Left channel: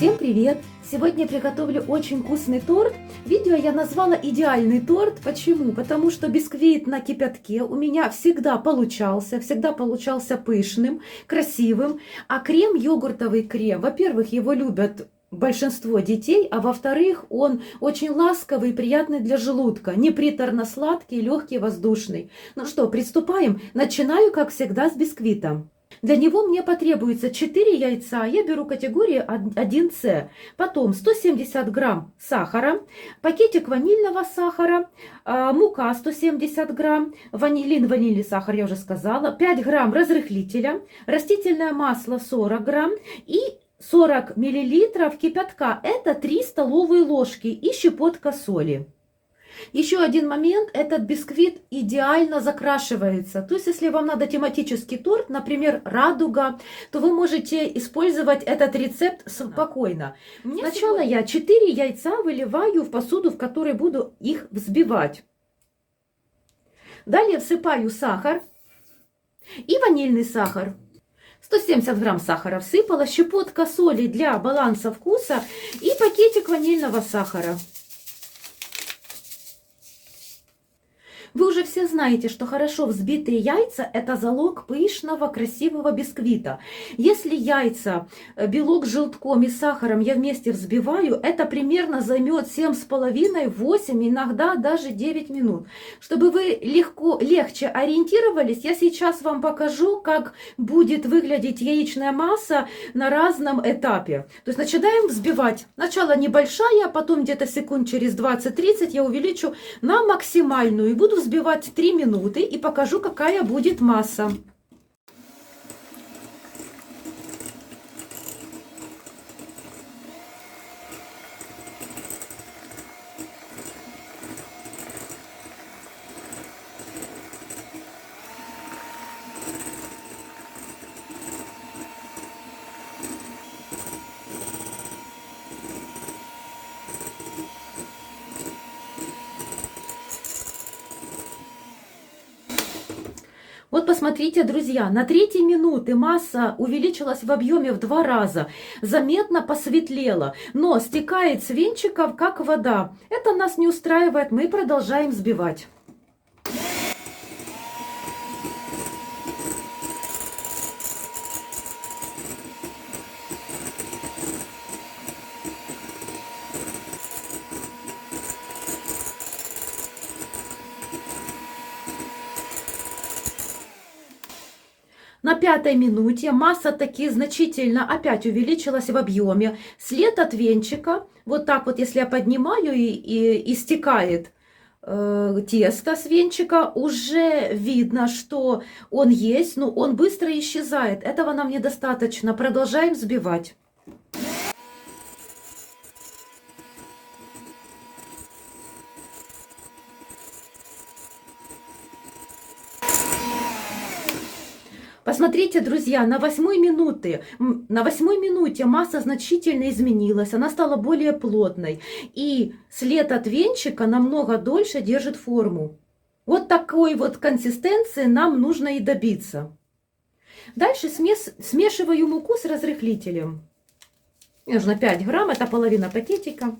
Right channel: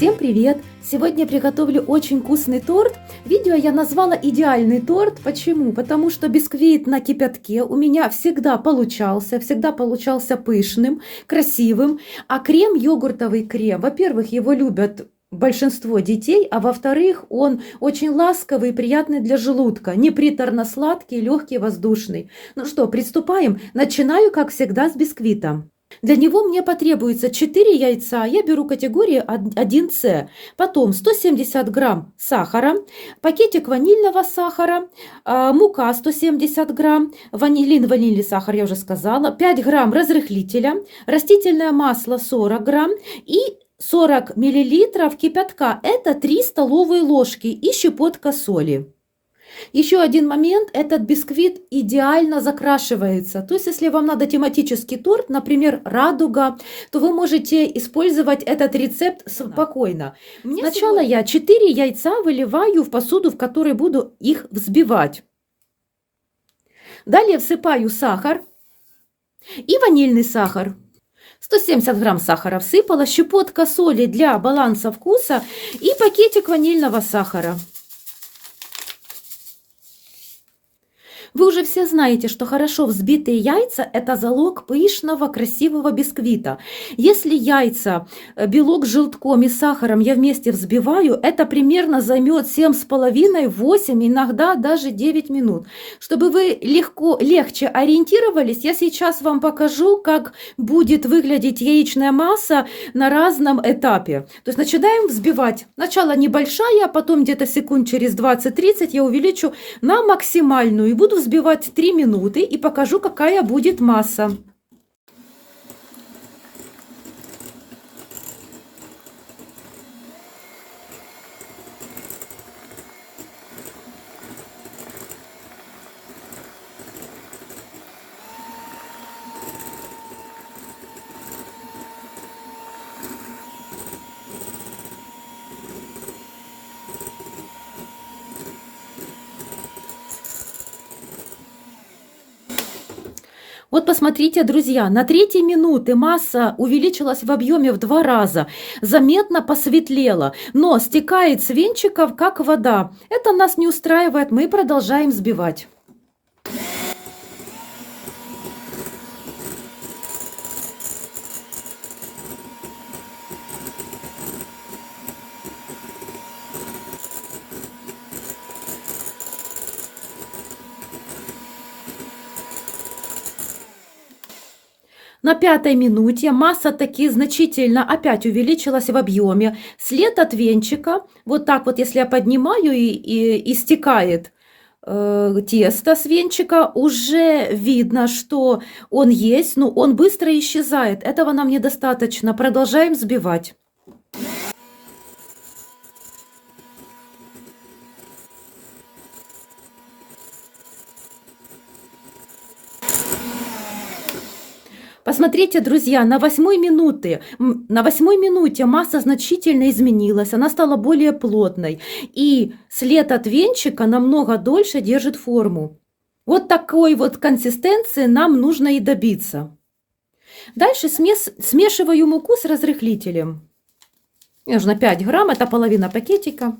Всем привет! Сегодня я приготовлю очень вкусный торт. Видео я назвала «Идеальный торт». Почему? Потому что бисквит на кипятке у меня всегда получался пышным, красивым. А крем, йогуртовый крем, во-первых, его любят большинство детей, а во-вторых, он очень ласковый и приятный для желудка, не приторно-сладкий, легкий, воздушный. Ну что, приступаем? Начинаю, как всегда, с бисквита. Для него мне потребуется 4 яйца, я беру категории 1С, потом 170 грамм сахара, пакетик ванильного сахара, мука 170 грамм, ванильный сахар, я уже сказала, 5 грамм разрыхлителя, растительное масло 40 грамм и 40 миллилитров кипятка, это 3 столовые ложки и щепотка соли. Еще один момент, этот бисквит идеально закрашивается. То есть, если вам надо тематический торт, например, радуга, то вы можете использовать этот рецепт спокойно. Сначала я 4 яйца выливаю в посуду, в которой буду их взбивать. Далее всыпаю сахар и ванильный сахар. 170 грамм сахара всыпала, щепотка соли для баланса вкуса и пакетик ванильного сахара. Вы уже все знаете, что хорошо взбитые яйца – это залог пышного, красивого бисквита. Если яйца, белок с желтком и сахаром я вместе взбиваю, это примерно займет 7,5-8, иногда даже 9 минут. Чтобы вы легче ориентировались, я сейчас вам покажу, как будет выглядеть яичная масса на разном этапе. То есть начинаем взбивать. Сначала небольшая, а потом где-то секунд через 20-30 я увеличу на максимальную и буду взбивать 3 минуты и покажу, какая будет масса. Вот посмотрите, друзья, на 3 минуты масса увеличилась в объеме в 2 раза, заметно посветлела, но стекает с венчиков, как вода. Это нас не устраивает, мы продолжаем взбивать. На 5-й минуте масса таки значительно опять увеличилась в объеме. След от венчика, вот так вот, если я поднимаю и стекает тесто с венчика, уже видно, что он есть, но он быстро исчезает. Этого нам недостаточно. Продолжаем взбивать. Посмотрите, друзья, на 8-й минуте масса значительно изменилась, она стала более плотной, и след от венчика намного дольше держит форму. Вот такой вот консистенции нам нужно и добиться. Дальше смешиваю муку с разрыхлителем. Мне нужно 5 грамм, это половина пакетика.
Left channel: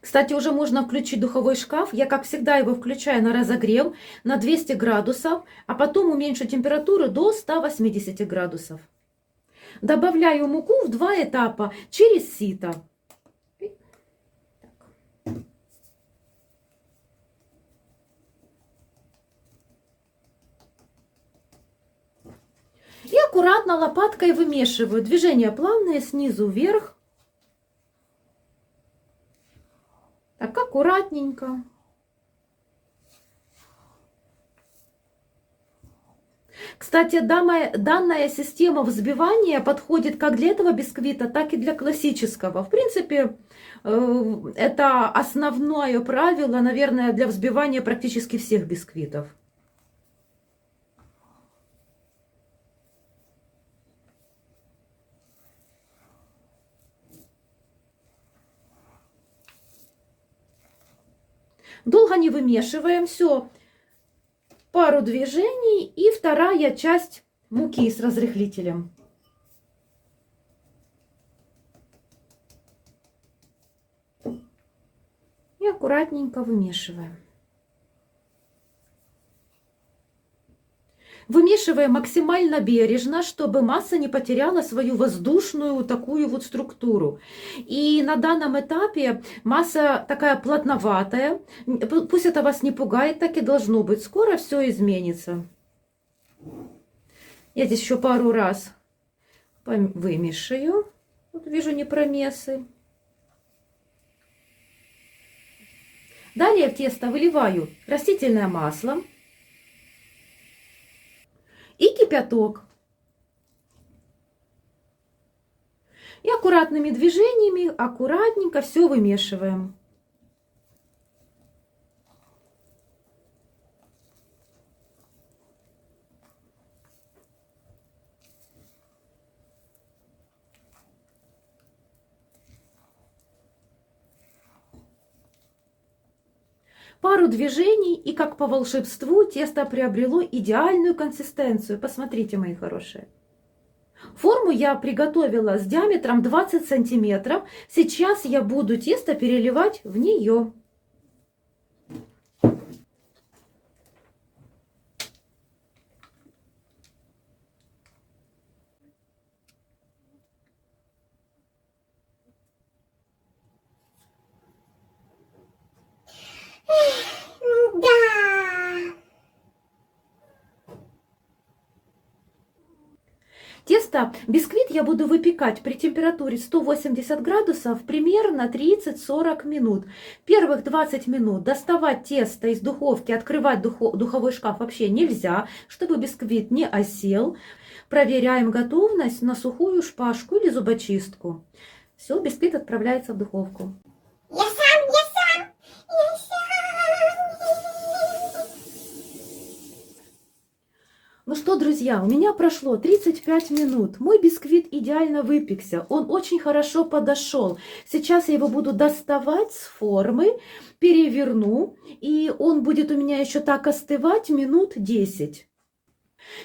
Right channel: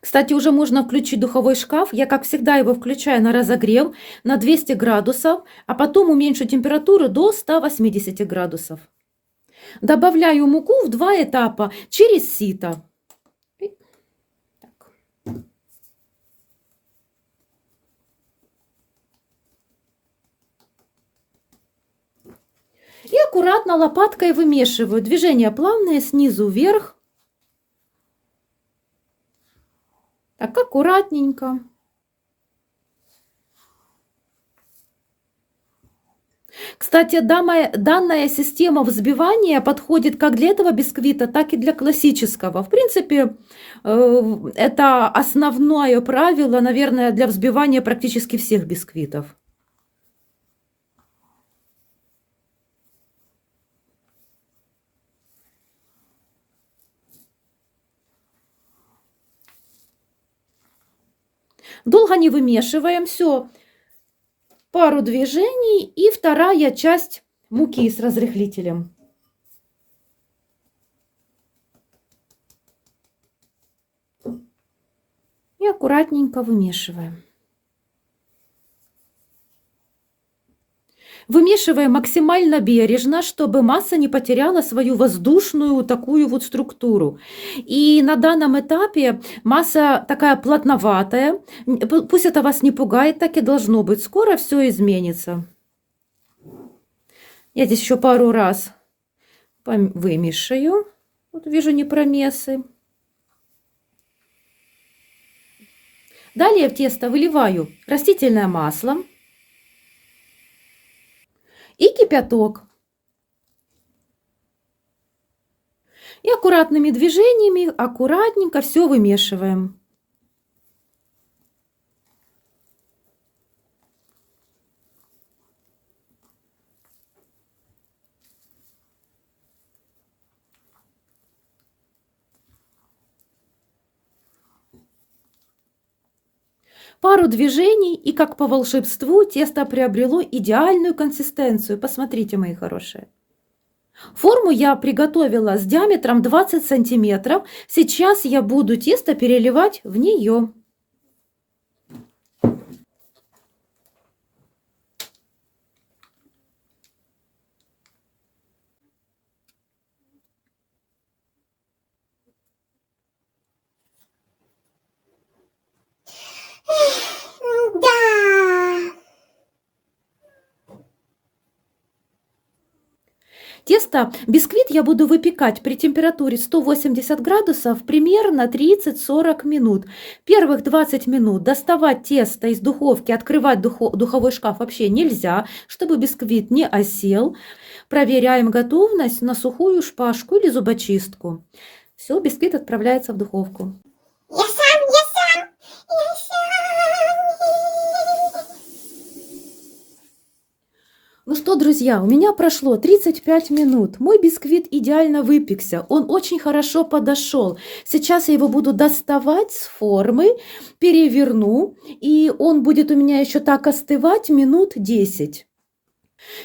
Кстати, уже можно включить духовой шкаф. Я, как всегда, его включаю на разогрев на 200 градусов, а потом уменьшу температуру до 180 градусов. Добавляю муку в 2 этапа через сито. И аккуратно лопаткой вымешиваю. Движения плавные, снизу вверх. Так, аккуратненько. Кстати, данная система взбивания подходит как для этого бисквита, так и для классического. В принципе, это основное правило, наверное, для взбивания практически всех бисквитов. Долго не вымешиваем, все. Пару движений и вторая часть муки с разрыхлителем. И аккуратненько вымешиваем. Вымешиваем максимально бережно, чтобы масса не потеряла свою воздушную такую вот структуру. И на данном этапе масса такая плотноватая. Пусть это вас не пугает, так и должно быть. Скоро все изменится. Я здесь еще пару раз вымешаю. Вот вижу непромесы. Далее в тесто выливаю растительное масло и кипяток. И аккуратными движениями, аккуратненько все вымешиваем. Пару движений, и как по волшебству тесто приобрело идеальную консистенцию. Посмотрите, мои хорошие. Форму я приготовила с диаметром 20 сантиметров. Сейчас я буду тесто переливать в нее. Тесто, бисквит я буду выпекать при температуре 180 градусов примерно 30-40 минут. Первых 20 минут доставать тесто из духовки, открывать духовой шкаф вообще нельзя, чтобы бисквит не осел. Проверяем готовность на сухую шпажку или зубочистку. Все, бисквит отправляется в духовку. Ну что, друзья, у меня прошло 35 минут. Мой бисквит идеально выпекся. Он очень хорошо подошел. Сейчас я его буду доставать с формы, переверну, и он будет у меня еще так остывать минут 10.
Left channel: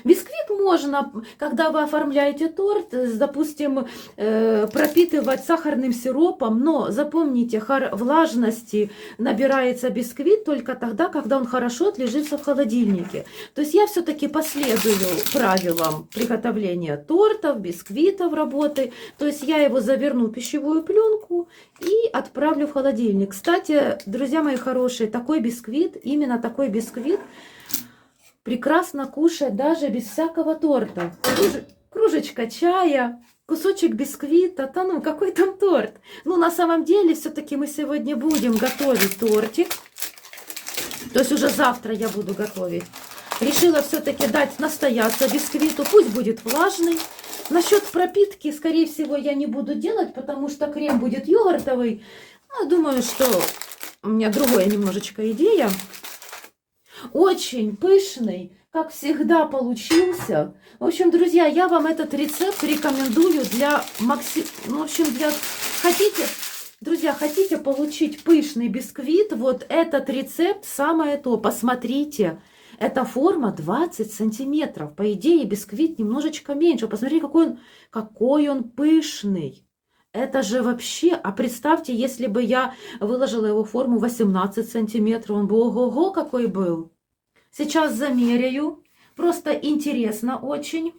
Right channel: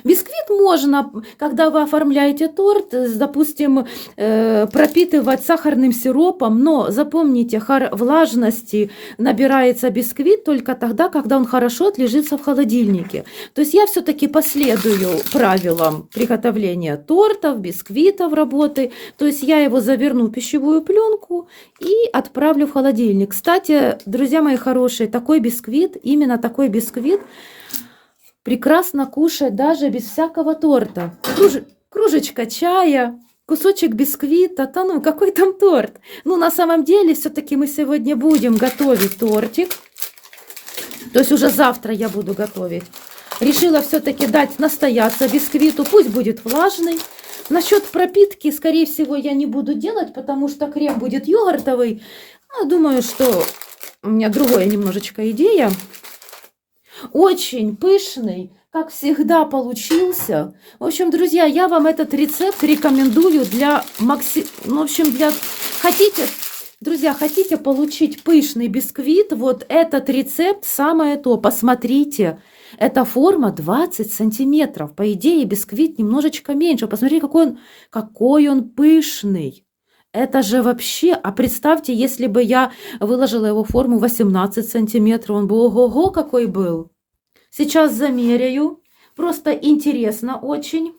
Бисквит можно, когда вы оформляете торт, допустим, пропитывать сахарным сиропом, но запомните, влажности набирается бисквит только тогда, когда он хорошо отлежится в холодильнике. То есть я все-таки последую правилам приготовления тортов, бисквитов работы. То есть я его заверну в пищевую пленку и отправлю в холодильник. Кстати, друзья мои хорошие, такой бисквит, именно такой бисквит, прекрасно кушать даже без всякого торта. Кружечка чая, кусочек бисквита, ну какой там торт. Ну на самом деле все-таки мы сегодня будем готовить тортик. То есть уже завтра я буду готовить. Решила все-таки дать настояться бисквиту, пусть будет влажный. Насчет пропитки, скорее всего, я не буду делать, потому что крем будет йогуртовый. Ну, думаю, что у меня другая немножечко идея. Очень пышный, как всегда, получился. В общем, друзья, я вам этот рецепт рекомендую для в общем, хотите, друзья, хотите получить пышный бисквит, вот этот рецепт самое то. Посмотрите, эта форма 20 сантиметров. По идее, бисквит немножечко меньше. Посмотрите, какой он пышный. Это же вообще, а представьте, если бы я выложила его в форму 18 сантиметров, он бы ого-го какой был. Сейчас замеряю, просто интересно очень.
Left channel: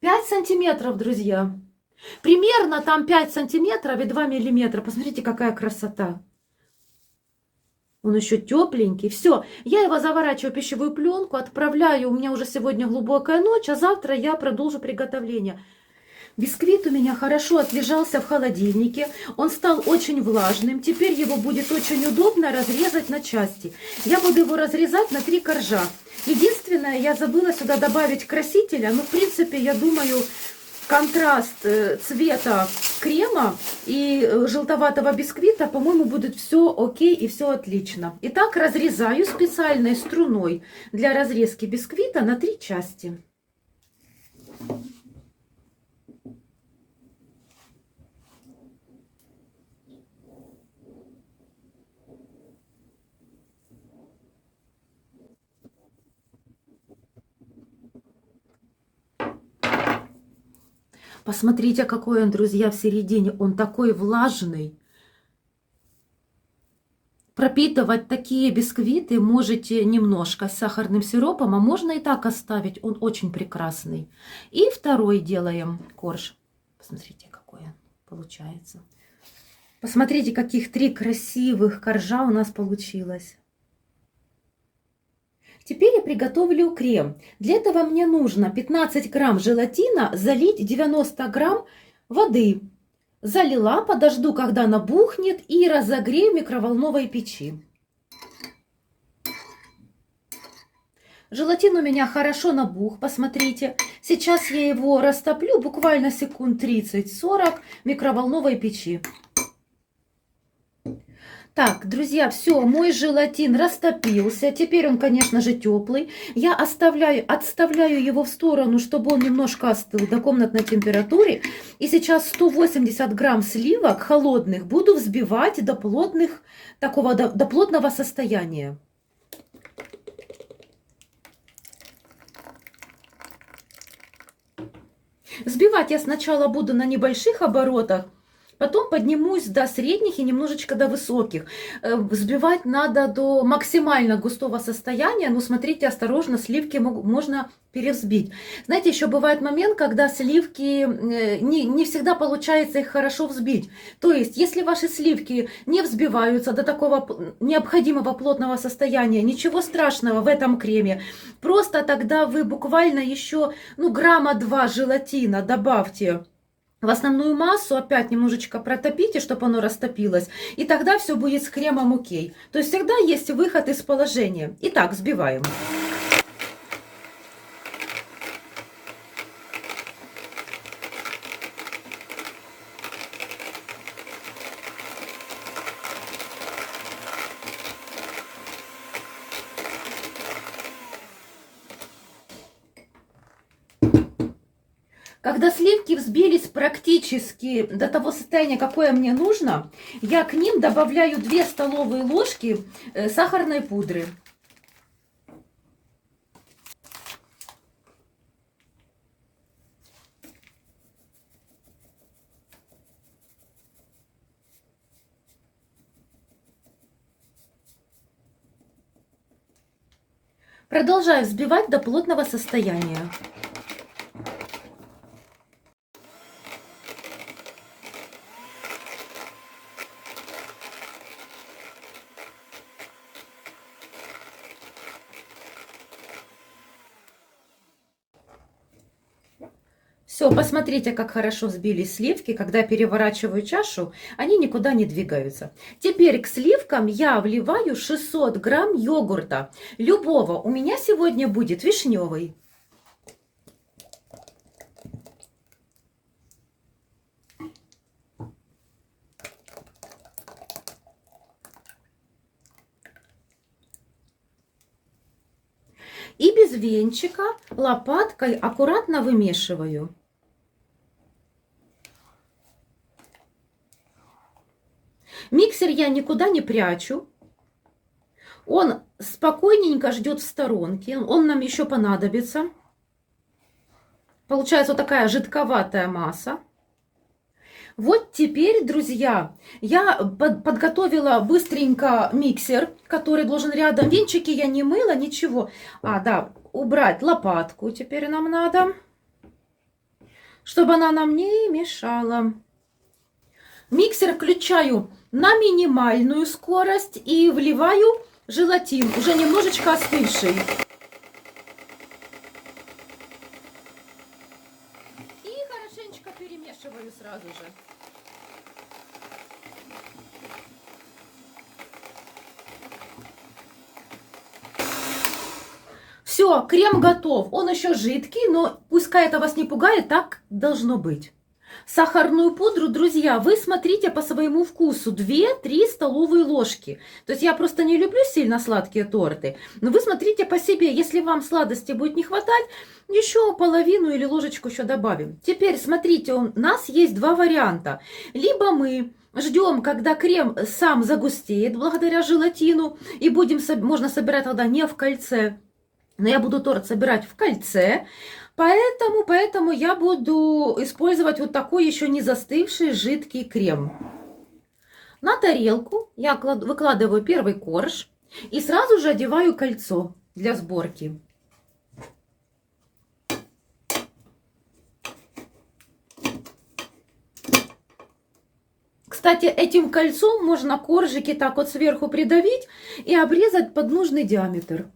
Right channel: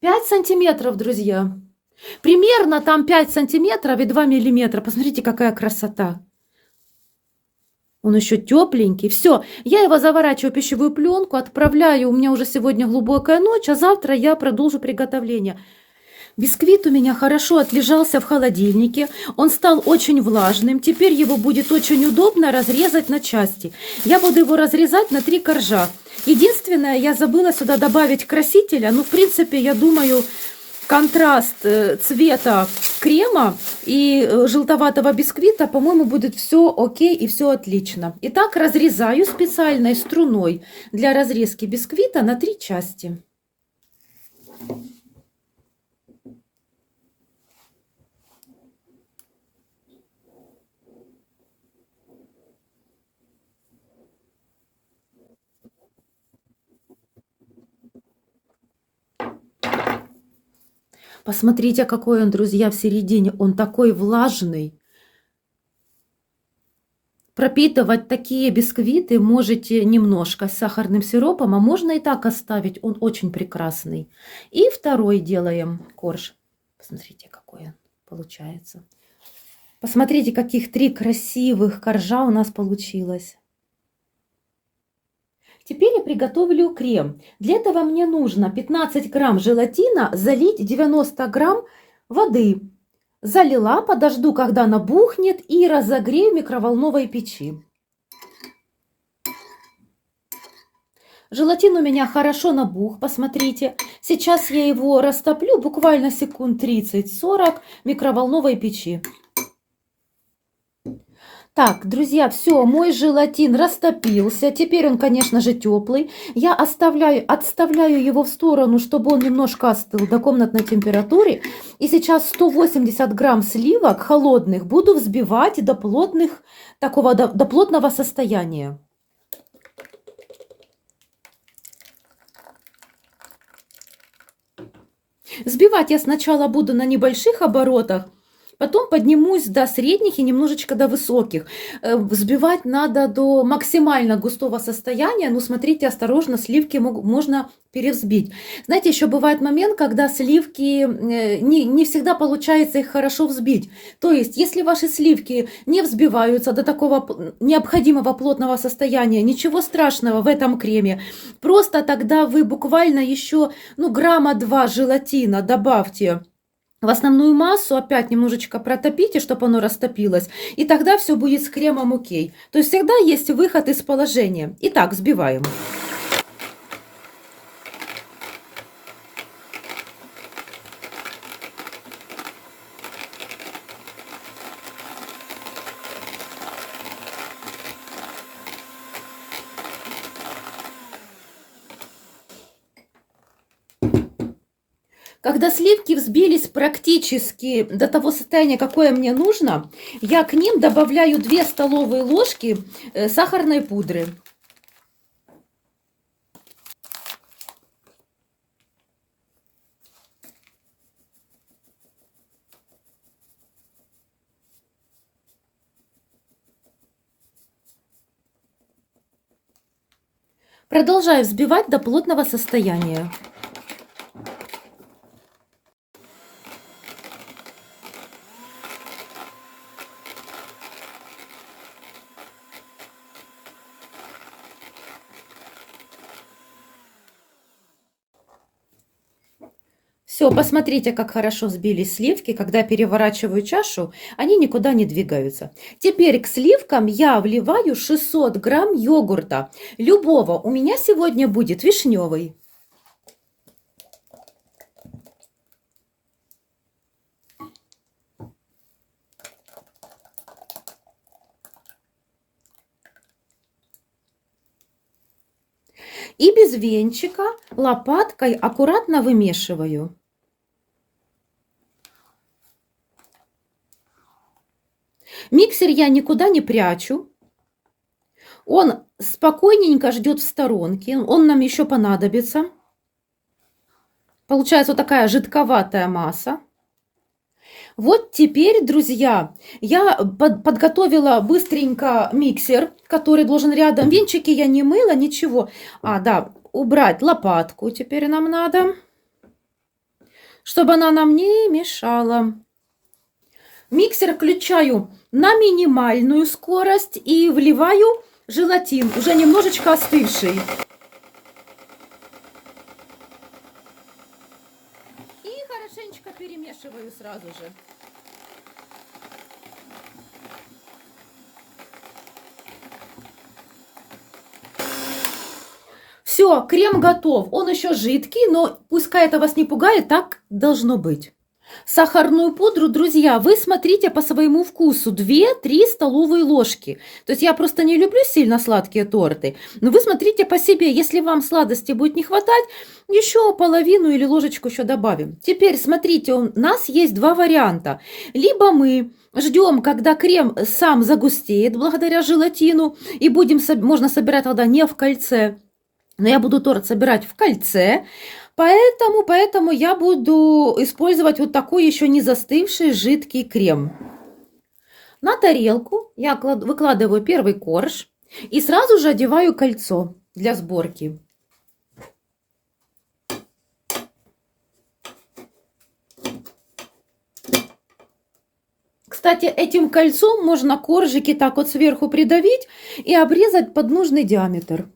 5 сантиметров, друзья. Примерно там 5 сантиметров и 2 миллиметра. Посмотрите, какая красота. Он еще тепленький. Все, я его заворачиваю в пищевую пленку, отправляю. У меня уже сегодня глубокая ночь, а завтра я продолжу приготовление. Бисквит у меня хорошо отлежался в холодильнике, он стал очень влажным, теперь его будет очень удобно разрезать на части. Я буду его разрезать на 3 коржа. Единственное, я забыла сюда добавить красителя, но в принципе, я думаю, контраст цвета крема и желтоватого бисквита, по-моему, будет все окей и все отлично. Итак, разрезаю специальной струной для разрезки бисквита на 3 части. Посмотрите, какой он, друзья, в середине. Он такой влажный. Пропитывать такие бисквиты можете немножко с сахарным сиропом, а можно и так оставить. Он очень прекрасный. И второй делаем корж. Посмотрите, какой он получается. Посмотрите, каких 3 красивых коржа у нас получилось. Теперь я приготовлю крем. Для этого мне нужно 15 грамм желатина залить 90 грамм воды. Залила, подожду, когда набухнет, и разогрею в микроволновой печи. Желатин у меня хорошо набух, посмотрите. Сейчас я его растоплю буквально секунд 30-40 в микроволновой печи. Так, друзья, все, мой желатин растопился. Теперь он, конечно же, теплый. Я отставляю его в сторону, чтобы он немножко остыл до комнатной температуры. И сейчас 180 грамм сливок холодных буду взбивать до плотного состояния. Взбивать я сначала буду на небольших оборотах. Потом поднимусь до средних и немножечко до высоких. Взбивать надо до максимально густого состояния, но смотрите осторожно, сливки можно перевзбить. Знаете, еще бывает момент, когда сливки не всегда получается их хорошо взбить. То есть, если ваши сливки не взбиваются до такого необходимого плотного состояния, ничего страшного в этом креме. Просто тогда вы буквально еще грамма 2 желатина добавьте в основную массу, опять немножечко протопите, чтобы оно растопилось, и тогда все будет с кремом окей. То есть всегда есть выход из положения. Итак, взбиваем. Когда сливки взбились практически до того состояния, какое мне нужно, я к ним добавляю 2 столовые ложки сахарной пудры. Продолжаю взбивать до плотного состояния. Все, посмотрите, как хорошо взбились сливки. Когда переворачиваю чашу, они никуда не двигаются. Теперь к сливкам я вливаю 600 грамм йогурта. Любого. У меня сегодня будет вишневый. И без венчика лопаткой аккуратно вымешиваю. Миксер я никуда не прячу. Он спокойненько ждет в сторонке. Он нам еще понадобится. Получается вот такая жидковатая масса. Вот теперь, друзья, я подготовила быстренько миксер, который должен рядом. Венчики я не мыла, ничего. Да, убрать лопатку теперь нам надо, чтобы она нам не мешала. Миксер включаю на минимальную скорость и вливаю желатин, уже немножечко остывший. И хорошенечко перемешиваю сразу же. Все, крем готов. Он еще жидкий, но пускай это вас не пугает, так должно быть. Сахарную пудру, друзья, вы смотрите по своему вкусу. 2-3 столовые ложки. То есть я просто не люблю сильно сладкие торты. Но вы смотрите по себе. Если вам сладости будет не хватать, еще половину или ложечку еще добавим. Теперь смотрите, у нас есть 2 варианта. Либо мы ждем, когда крем сам загустеет благодаря желатину. И можно собирать тогда не в кольце. Но я буду торт собирать в кольце. Поэтому я буду использовать вот такой еще не застывший жидкий крем. На тарелку я выкладываю первый корж и сразу же одеваю кольцо для сборки. Кстати, этим кольцом можно коржики так вот сверху придавить и обрезать под нужный диаметр.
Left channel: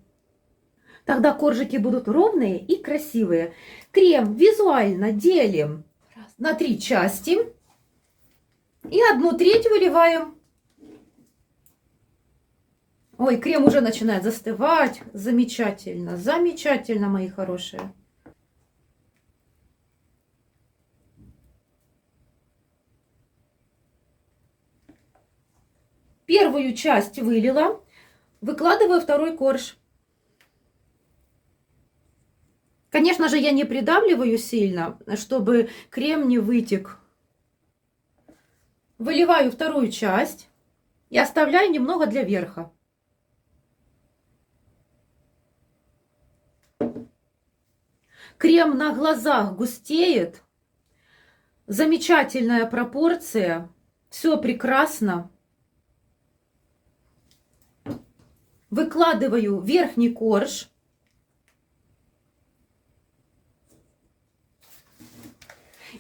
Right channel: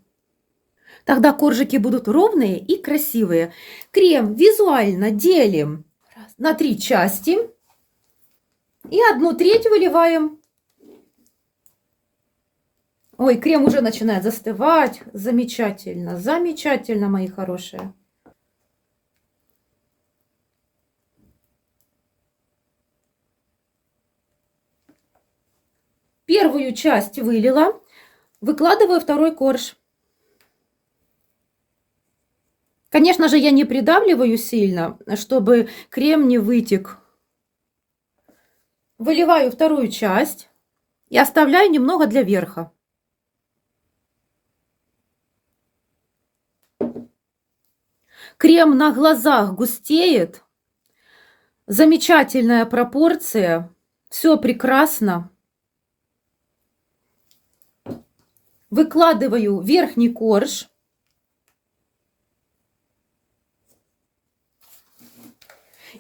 Тогда коржики будут ровные и красивые. Крем визуально делим на 3 части и 1/3 выливаем. Ой, крем уже начинает застывать. Замечательно, замечательно, мои хорошие. Первую часть вылила, выкладываю второй корж. Конечно же, я не придавливаю сильно, чтобы крем не вытек. Выливаю вторую часть и оставляю немного для верха. Крем на глазах густеет. Замечательная пропорция. Все прекрасно. Выкладываю верхний корж.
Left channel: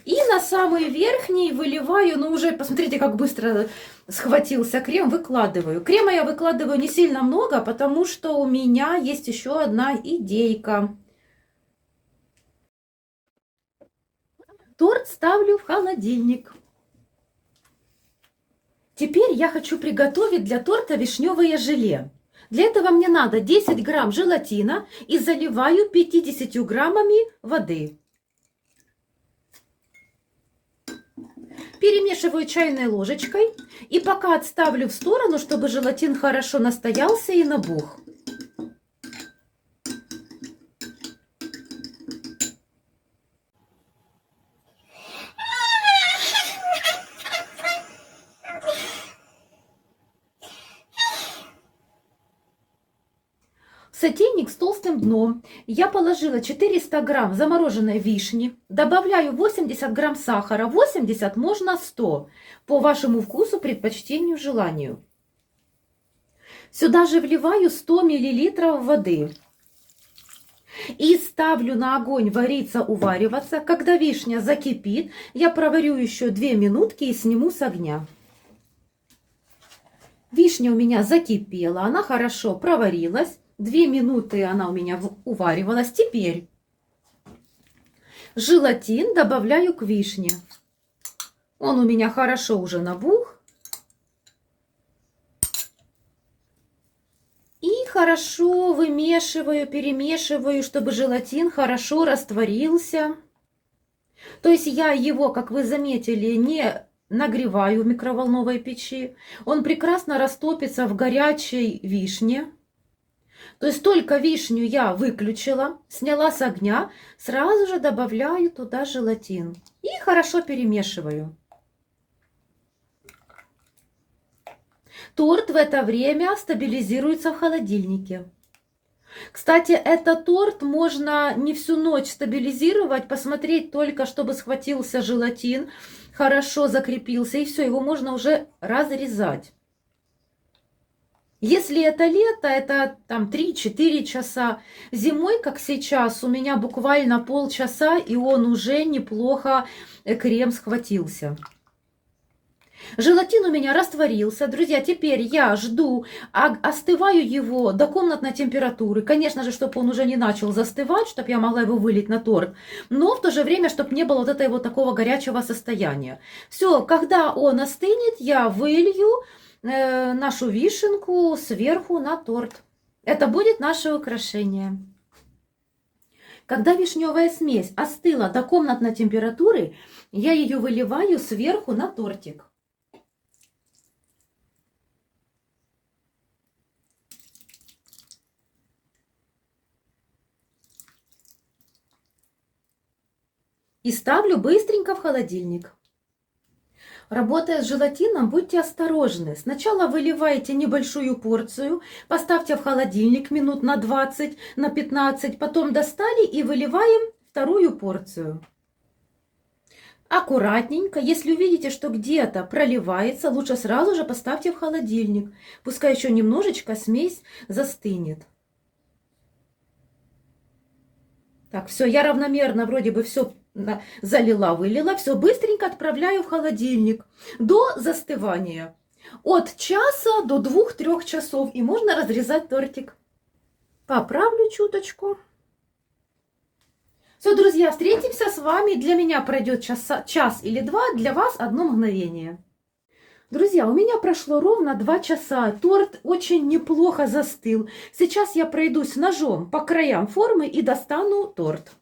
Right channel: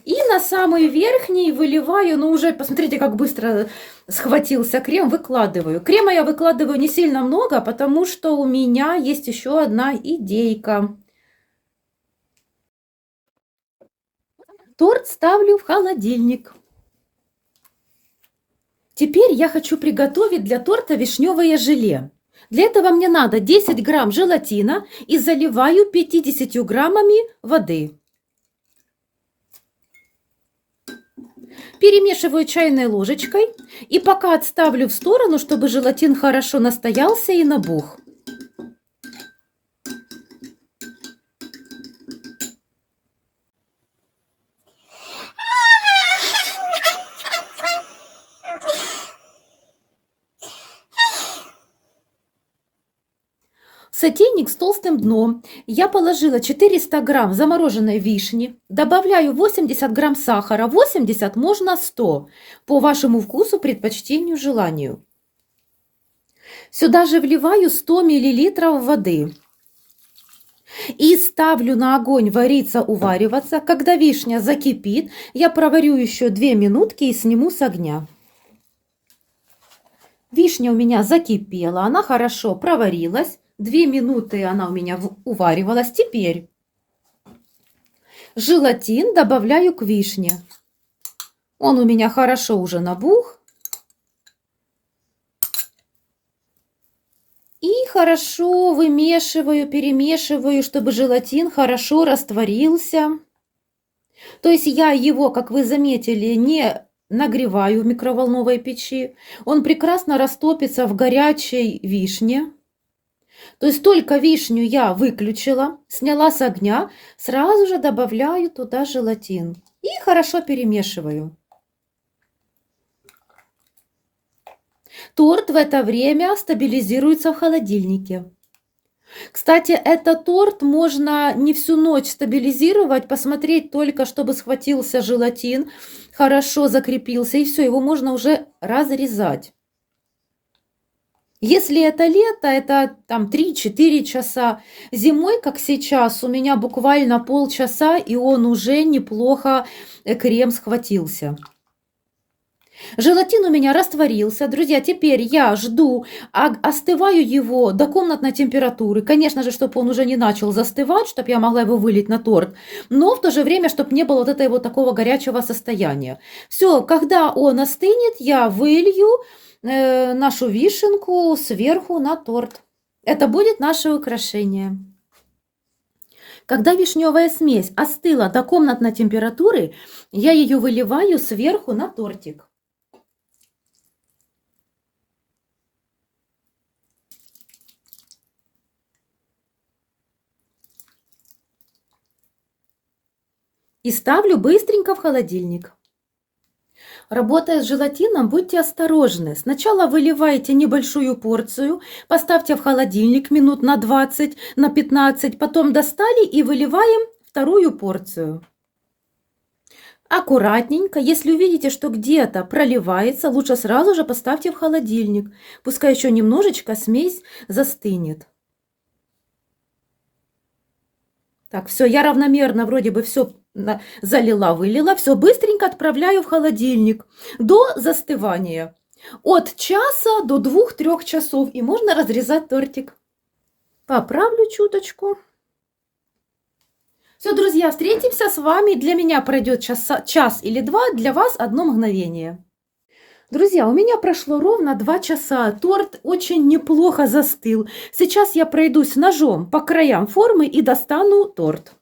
И на самый верхний выливаю, ну уже посмотрите, как быстро схватился крем, выкладываю. Крема я выкладываю не сильно много, потому что у меня есть еще одна идейка. Торт ставлю в холодильник. Теперь я хочу приготовить для торта вишневое желе. Для этого мне надо 10 грамм желатина и заливаю 50 граммами воды. Перемешиваю чайной ложечкой и пока отставлю в сторону, чтобы желатин хорошо настоялся и набух. В сотейник с толстым дном я положила 400 грамм замороженной вишни, добавляю 80 грамм сахара, 80 можно 100, по вашему вкусу, предпочтению, желанию. Сюда же вливаю 100 миллилитров воды и ставлю на огонь вариться, увариваться. Когда вишня закипит, я проварю еще 2 минутки и сниму с огня. Вишня у меня закипела, она хорошо проварилась. 2 минуты она у меня уваривалась. Теперь желатин добавляю к вишне. Он у меня хорошо уже набух. И хорошо вымешиваю, перемешиваю, чтобы желатин хорошо растворился. То есть я его, как вы заметили, не нагреваю в микроволновой печи. Он прекрасно растопится в горячей вишне. То есть только вишню я выключила, сняла с огня, сразу же добавляю туда желатин и хорошо перемешиваю. Торт в это время стабилизируется в холодильнике. Кстати, этот торт можно не всю ночь стабилизировать, посмотреть только, чтобы схватился желатин, хорошо закрепился, и все, его можно уже разрезать. Если это лето, это там 3-4 часа. Зимой, как сейчас, у меня буквально полчаса, и он уже неплохо, крем схватился. Желатин у меня растворился. Друзья, теперь я жду, остываю его до комнатной температуры. Конечно же, чтобы он уже не начал застывать, чтобы я могла его вылить на торт. Но в то же время, чтобы не было вот этого вот такого горячего состояния. Все, когда он остынет, я вылью нашу вишенку сверху на торт. Это будет наше украшение. Когда вишневая смесь остыла до комнатной температуры, я ее выливаю сверху на тортик. И ставлю быстренько в холодильник. Работая с желатином, будьте осторожны. Сначала выливайте небольшую порцию, поставьте в холодильник минут на 20, на 15, потом достали и выливаем вторую порцию. Аккуратненько, если увидите, что где-то проливается, лучше сразу же поставьте в холодильник. Пускай еще немножечко смесь застынет. Так, все, я равномерно вроде бы все залила, вылила. Все, быстренько отправляю в холодильник до застывания. От часа до 2-3 часов. И можно разрезать тортик. Поправлю чуточку. Все, друзья, встретимся с вами. Для меня пройдет час или два, для вас 1 мгновение. Друзья, у меня прошло ровно 2 часа. Торт очень неплохо застыл. Сейчас я пройдусь ножом по краям формы и достану торт.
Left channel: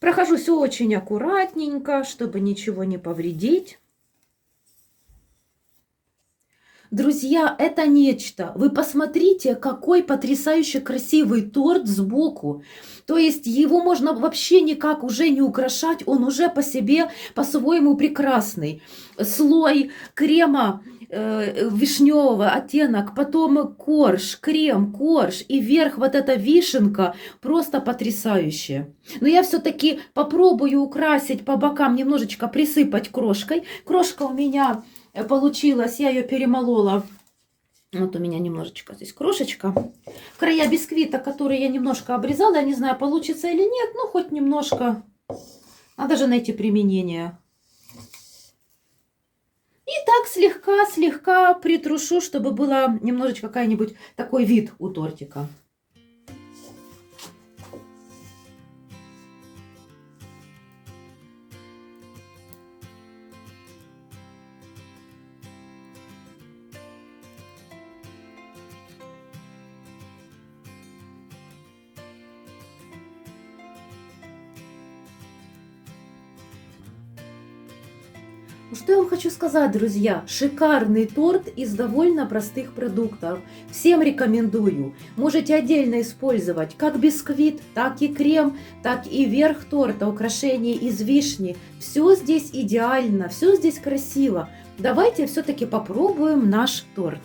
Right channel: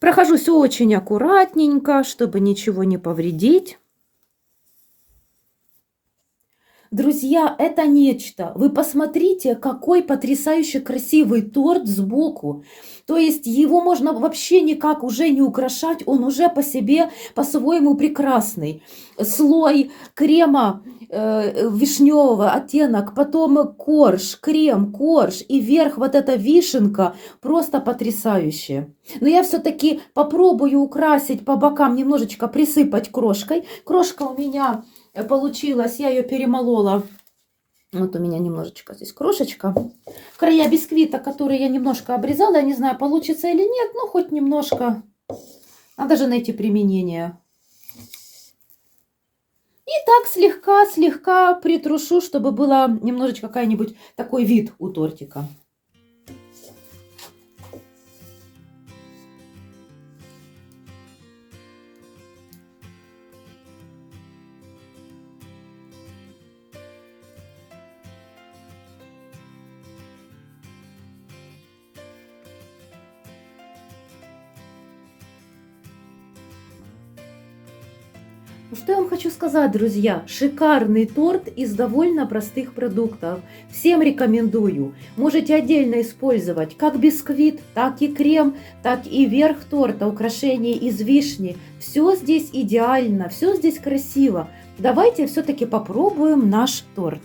Прохожусь очень аккуратненько, чтобы ничего не повредить. Друзья, это нечто. Вы посмотрите, какой потрясающе красивый торт сбоку. То есть его можно вообще никак уже не украшать, он уже по себе по-своему прекрасный. Слой крема вишневого оттенок, потом корж, крем, корж и вверх вот эта вишенка, просто потрясающе. Но я все-таки попробую украсить по бокам, немножечко присыпать крошкой. Крошка у меня получилась, я ее перемолола. Вот у меня немножечко здесь крошечка. Края бисквита, которые я немножко обрезала, я не знаю, получится или нет, но хоть немножко. Надо же найти применение. И так слегка притрушу, чтобы было немножечко какой-нибудь такой вид у тортика. Что я вам хочу сказать, друзья? Шикарный торт из довольно простых продуктов. Всем рекомендую. Можете отдельно использовать как бисквит, так и крем, так и верх торта, украшения из вишни. Все здесь идеально, все здесь красиво. Давайте все-таки попробуем наш торт.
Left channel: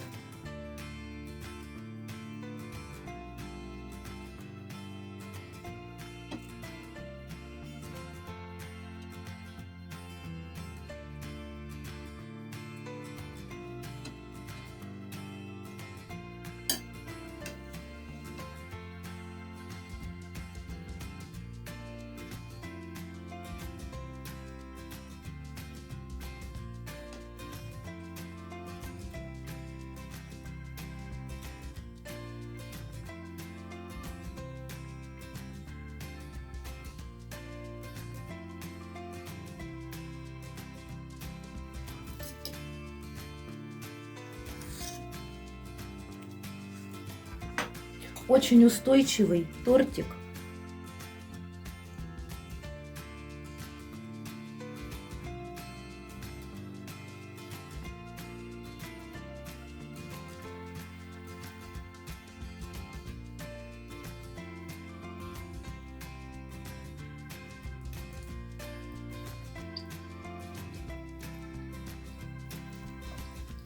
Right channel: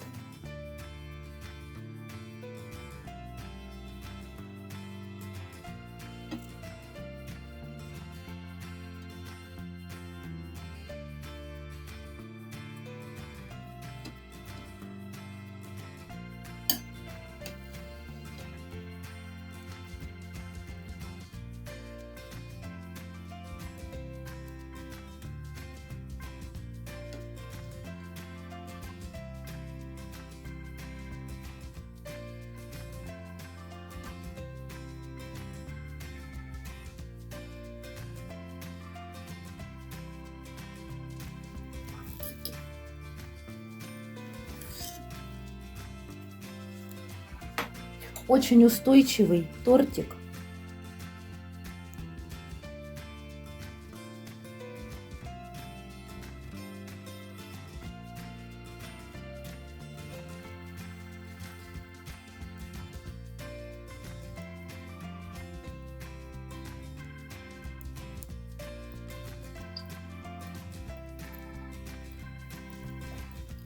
Очень устойчивый тортик.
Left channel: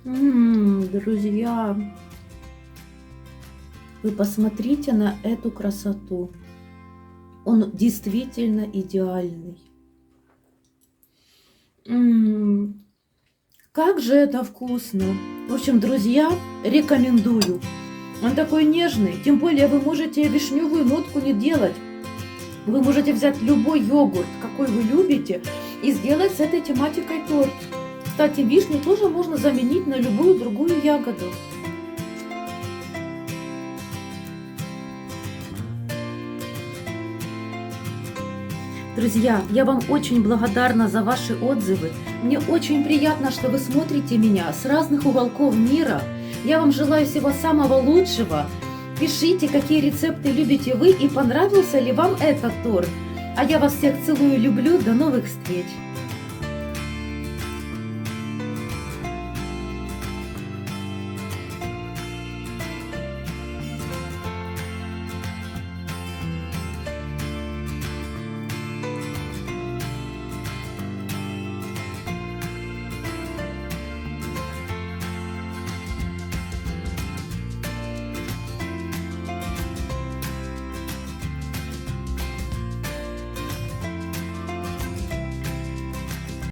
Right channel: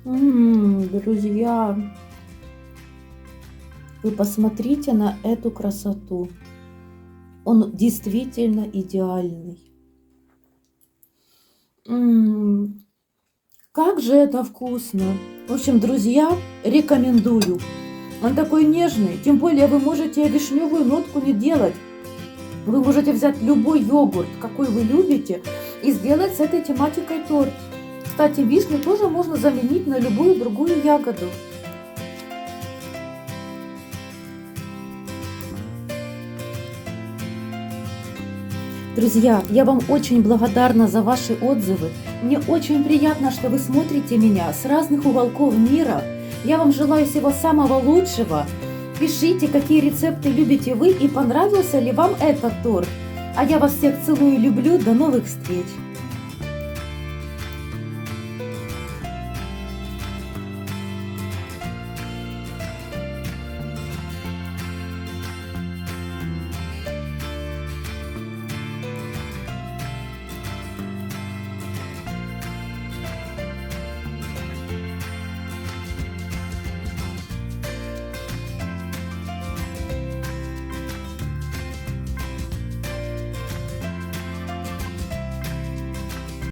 Друзья, вы посмотрите на эту красоту. Он действительно идеальный. Как же это вкусно! В общем, друзья, рекомендую. Он такой нежный. Тем более вы можете вишневую нотку не делать. Вы можете взять любой йогурт, какой вы любите, и сделать с этой тематикой торт. Кстати, вишню тоже можно заменить на любую другую ягоду. Друзья, я вам очень благодарна за ваши отзывы. Мне очень приятно, что вы смотрите меня с разных уголков мира. Я вам желаю всего самого лучшего. Пишите, какие рецепты любите вы и понравился ли вам этот торт. А я вас всех целую и люблю. До новых встреч!